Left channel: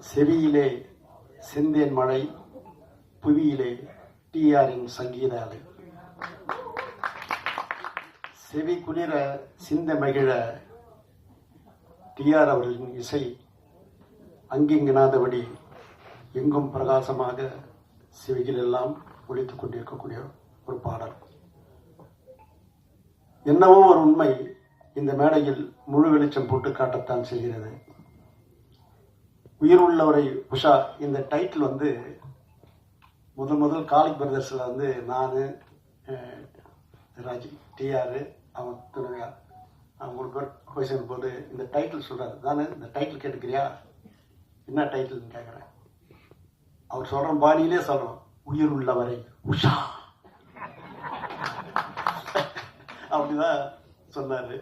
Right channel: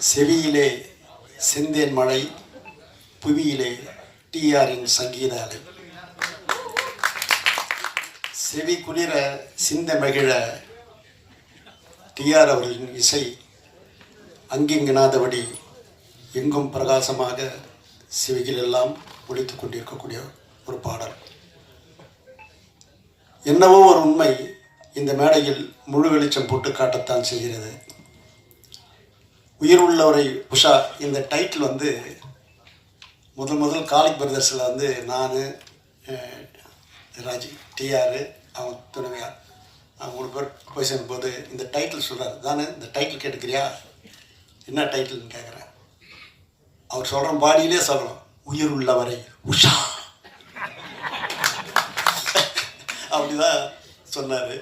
செவியிலே செந்தேன் மழை புவியிலே டிஆரின் சங்கீத அலை செவி குளிர சிந்த மகிழ டிஆர் அவர்களின் இசை அங்கிங்கனாதபடி எங்கும் பிரகாசமாக செவிகளெல்லாம் ஒழித்து கொண்டிருக்கக்கூடிய ஒரு பாடல். என்னவோ ஒரு உண்மை இந்த மேடையில் முழு வெளிச்சம் போட்டு காட்டத்தான் செய்கிறது உயிர் உள்ளவரை உஷா இந்த டைட்டில் வந்து முதல் முதல் காலிக் பிரதர்ஸில் வந்து நான் ராஜி டிஆர் அவன் துணைவியார் அவங்க மூணு பேர் போய் போது இந்த டைட்டில் சொல்கிறார் தானே இந்த டைட்டில் கேட்டுக்கிறியா? என்ன டைட்டில்னு கேட்குறேன் அவர் சொல்கிற பாடியிலே சொல்லணும். உயிர் உள்ளவரை உஷா. அப்படிதான் சொன்னார்.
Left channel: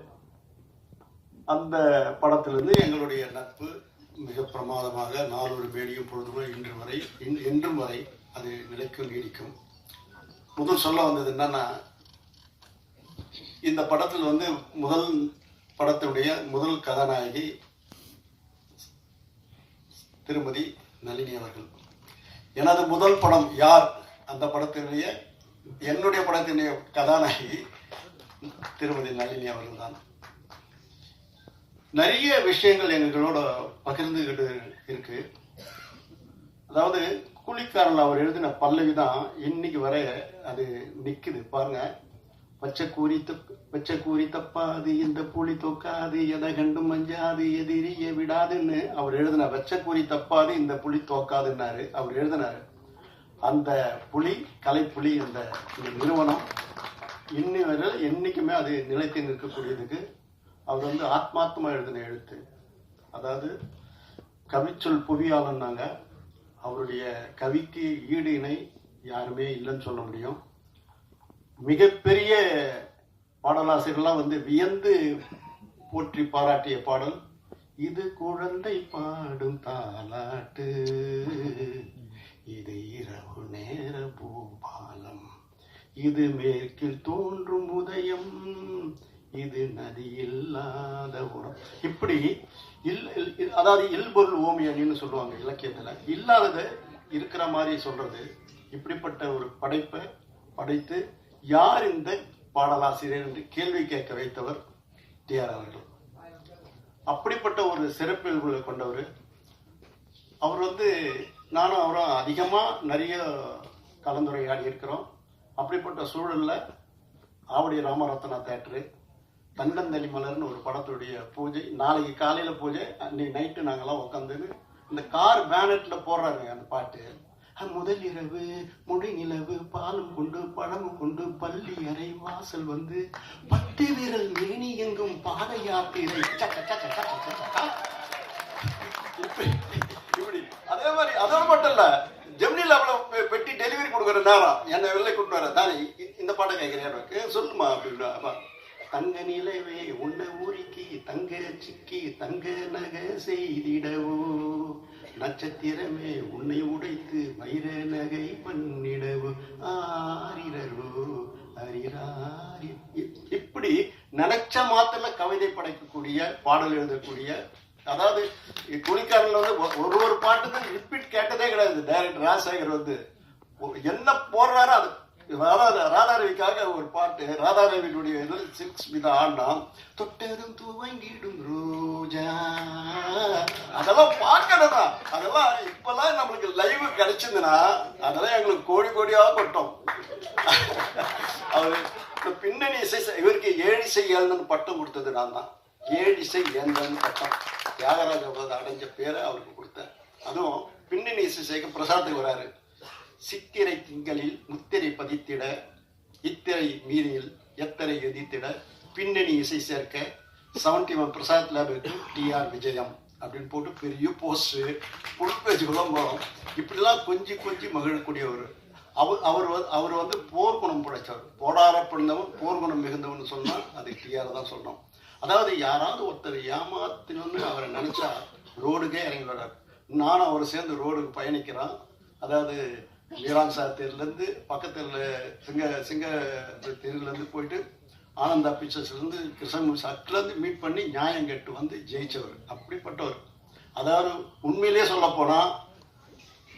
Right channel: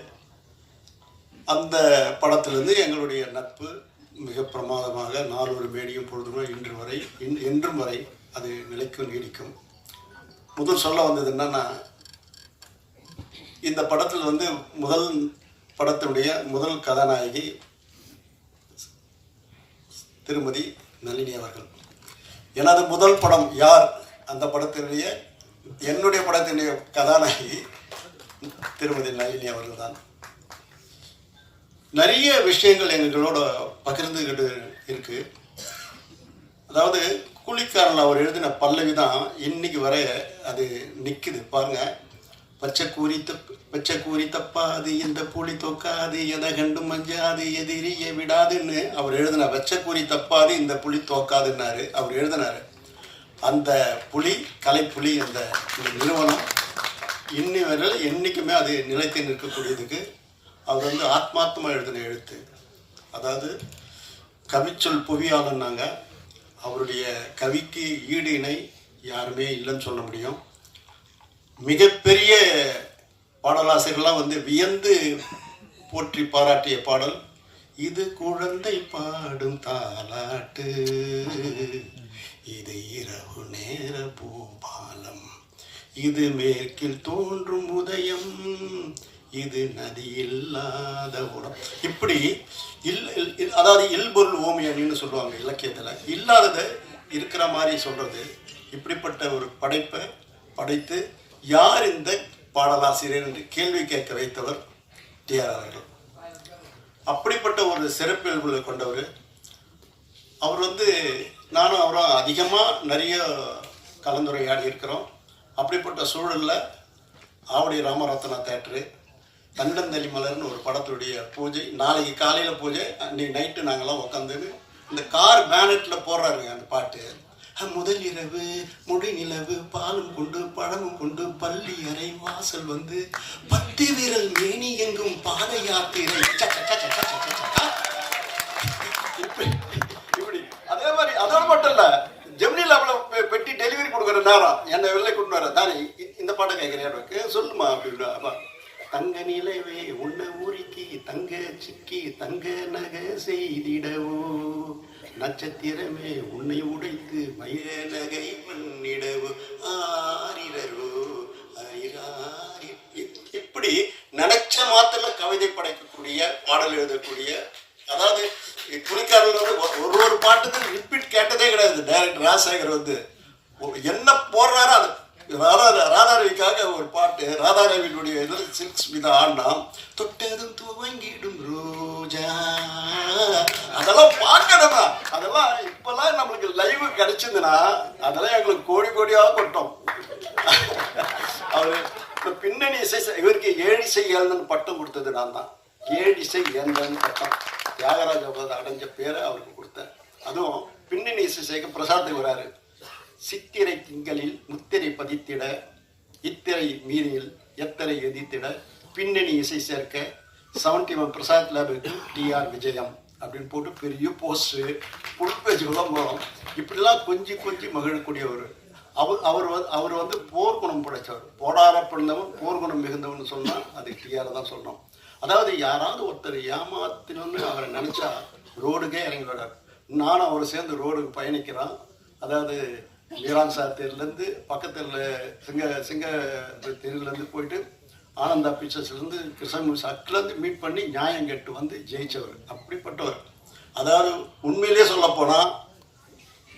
அந்த படத்துலேருந்து எங்களுடைய நட்பு மிக பிரமாதமாக நாலொரு மேடியும் பொழுதும் இன்று வரை இன் என்றும் வரை அது நிலைக்கும் நீடிக்கும் முதல் சொல்ல வந்தது என்னன்னா இந்த படத்தில் வந்து முதல் படத்தினுடைய முதல் கதாநாயகி திருமதி நளினி அவர்கள். எனது முதல் படம் யார்? அந்த படத்தினுடைய என்னுடைய படத்தினுடைய கதாநாயகி திருமதி நளினி அவர்கள் தான் நிறைய விஷயங்கள் எங்களோட பகிர்ந்துக்கிட்டு இருக்கு. அதாவது கூலிக்காரன் அவர் எழுதின பல்லவி தான் இன்னைக்கு வரைய அது நிற்குது பாருங்க. பச்சை கூறித்த பச்சை கூறி தப்பாது இந்த புலி தோக்காது எதை கண்டு மஞ்சாது எதிரிய விடாதுன்னு அவர் எழுதின பச்சை கூறி தப்பாது இந்த புலி தோக்காதுன்னாரு அவர் எழுதினாரு. அந்த புலி கலைப்புலி அந்த நிறுவனம் இன்னி வரையில் என்றைக்குமே அது நிலைத்து நிற்கக்கூடியதுக்கு அவர் வந்து ஆத்மார்த்தமாக எழுதின எழுத்து. அதாவது கவிச்சொல் புவியாளன்னாங்க. அவருடைய கவிக்கு ஈடு இணை யாருமே இல்லைன்னு சொல்ல முடியும். மிகப்பெரிய பாடலாசிரியர்லாம் வந்து வியந்து போற்றி பாராட்டிய பாடல் இது குழந்தை பாடும் தாலாட்டு இது இரவு நேர பூபாலம் இது மேற்கில் தோன்றும் உதயம் இது நதி இல்லாத உடம் இப்படி இல் இல்- அதாவது இல்பொருள் ஓமியன்னு சொல்லுவாங்க இலக்கியத்தில். இல்லாததை இருக்கிற மாதிரி சொல்கிறது இப்படிப்பட்ட ஒரு படைப்பை படைத்து யார் இந்த பாடலாசிரியர் என்று கேள்வி கேட்க வைத்தவர் டிஆர் அவர்கள். அப்படிப்பட்ட ஒரு சிறப்பியல்புகளை கொண்டவர். அவர் வந்து நானும் அவரும் அதிகமாக நிறைய கலந்துரையாடி இருக்கிறோம். அப்படிப்பட்ட சூழலில் ஆவடி ராமரத்னா தேட்டரு தண்டந்தளி மலர்னு ஒரு படத்துடைய பூஜை. நாளைக்கு காலையில் பூஜை. அன்னைக்கு நைட்டு நாங்கள்லாம் உட்காந்து இந்த கார் பேனட்டில் போடுறாருங்க அந்த பாட்டு. முதல் இரவு முடி நிலவு பாலும் கொண்டு பழமும் கொண்டு பள்ளி அறை வாசல் வந்து பத்து விரல் மேனி எங்கும் பாத யாத்திரை அதே மாதிரி அதோட மட்டும் இல்ல ஜெமினி அவ்வளோ பெ- பெட்டி டெலிவரி கொடுக்குற நேரம். என்னை வெளில கொண்டு வர தானே இந்த பாட்டை கேட்குறேன் சொல்லுமா அப்படின்னு தங்க நிலவே உன்னை ஊரிக்கு தங்க சிக்கி தங்க நகை செய்திடவோ? நட்சத்திரமே உன்னை உடைத்து மயிர நகை பண்ணிடவோ? ஆரிரரோ. அரிராரி இ- இப்படி நினைச்ச மாத்திர கவிதை படைக்கக்கூடிய பாடல் எழுதக்கூடிய அதாவது துணிக்காரர்கள் வந்து ஒரு ஒரு பாட்டுக்கு ரிப்பீட் கேட்டதே கிடையாது. டைரக்டர் ராஜசேகர் வந்து என்ன போடுறாரோ அது ராதா ராதாரவிக்காக ஒரு பாட்டு ராதாரவியினுடைய இது சில்க்ஸ் மீது ஆடினா தொட்டதும் துவங்கிடும் ரோஜா. அதெல்லாம் பார்க்கணுமா அதெல்லாம் இப்பெல்லாம் நம்மளுக்கு லைவ் கிடைச்சதுன்னா அதெல்லாம் எங்களுக்கு கோடி கோடியாக கொட்டோம். அவர் இந்த பின்னணி இசை இவருக்கு ஏழிசை ஏழன்னு பட்டம் கொடுத்தது நான் தான். ஏழிசை ஏந்தன்னு பட்டம். தியாகராஜ அடைஞ்ச பேரை அவருக்கு கொடுத்தேன். அதுவும் பின்னணி இசை சேர்க்க பிரசாத்துக்கு வராரு. சித்திரை திங்களில் முத்திரை பதித்திட இத்திரை மீறியில் எத்தரை எதிர்த்திட பின்னணி இசை சேர்க்க செவன்டி ஒன் பிரசாத் லேபுக்கு டிஆர் விஜயம் அப்படின்னு போட்டு பெரிய போஸ்ட்டு ஃபுல் வரும் இப்படிலாம் கொஞ்சி கொஞ்சி மகிழக்கூடியவர். அவர் அவர் வந்து அவர் வந்து போர்க்குணம் படைச்சவர் போடார பிறந்தவன் போர்க்குணம் மிகுந்தவன் சொன்னால் அது டிஆர் தான் சொல்லணும் அதாவது யாராவது ஒருத்தர் ஏமாத்தினு அவரை நினச்சா ரோடுக்கே இறங்கி வர்றார் நானும் அவரை சேர்ந்து ரோடுக்கு பயணிக்கிறான் அதாவது மீரான் சார் தெருலேருந்து பக்கத்தில் சிங்க சிங்க தெருலேருந்து போயிட்டு ஆனந்தா பிக்சர்ஸ்லேருந்து கிருஷ்ணன் சட்டிலேருந்து மீட் பண்ணி நியாயம் கேட்டு வந்து ஜெயிச்சவர். அப்படிப்பட்டவர். அதாவது உண்மையிலேயே சொல்லப்போனால்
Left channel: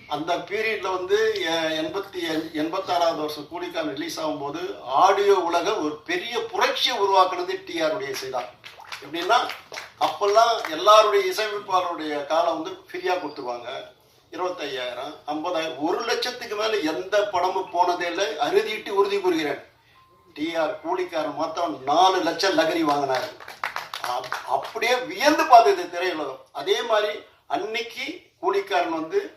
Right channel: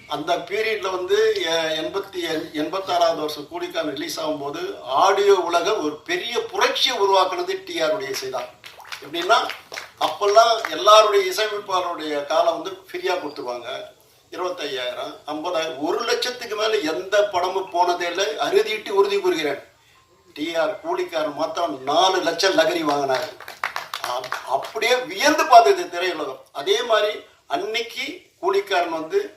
அந்த பீரியடில் வந்து எ- எண்பத்தி எண்பத்தாறாவது வருஷம் கூலிக்கான் ரிலீஸ் ஆகும்போது ஆடியோ உலக ஒரு பெரிய புரட்சியை உருவாக்குனது டிஆருடைய இசை தான் எப்படின்னா அப்பெல்லாம் எல்லாருடைய இசையமைப்பாளருடைய காலம் வந்து ஃப்ரீயாக கொடுத்துருவாங்க. இருபத்தையாயிரம் ஐம்பதாயிரம் ஒரு லட்சத்துக்கு மேலே எந்த படமும் போனதே இல்லை. அறுதிட்டு உறுதி கூறுகிறேன். டிஆர் கூலிக்காரன் மாத்திரம் நாலு லட்சம் லகரி வாங்கினாரு. அப்- அப்படியே வியந்து பார்த்தது திரையுலகம். அதே மாதிரி அன்னைக்கு கூலிக்காரன் வந்து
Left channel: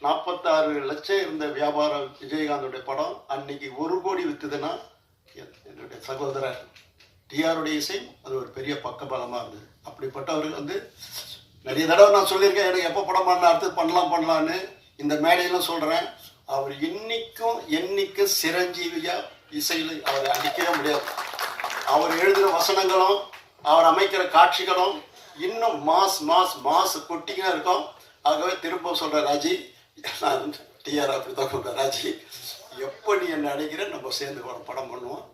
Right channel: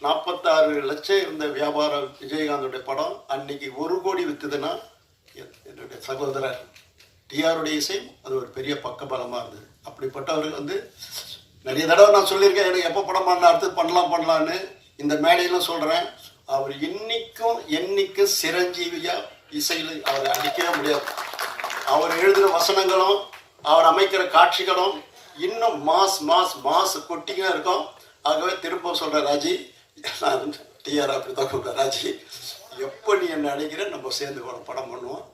நாற்பத்தாறு லட்சம் இருந்த வியாபாரம் விஜயகாந்தோடைய படம் அன்னைக்கு ஒரு கோடி வித்துதுன்னா என்- என்னுடைய சகோதரர் டிஆருடைய இசை அது ஒரு பெரிய பக்கபலமாக இருந்தது. அப்படிப்பட்டவர் வந்து நிறைய தடவை நான் சொல்லியிருக்கேன் எனக்கு எப்போ படம் பண்ண அடுத்து பண்ணலாம் பண்ணலான்னு இந்த மேடையில சொல்கிறேன் அவர் இன்னைக்கும் என்னைக்கும் சிரஞ்சீவியா இசையில் அவர் அடிக்கவே முடியாது. அவர் எழுதுகிற வசனங்களும் அவர் அமைக்கிற காட்சிகளும் இன்னும் மாஸ் மாஸ் மாஸ் கொட்டிக்கினே இருக்கும். ஆகவே திரும்ப சொல்ற ராஜி நான் டிஆர் அப்படி தான் ராஜி. எப்போ நீ என்ன அடைக்கிற நம்ம சேர்ந்து படம் பண்ணுவோம்.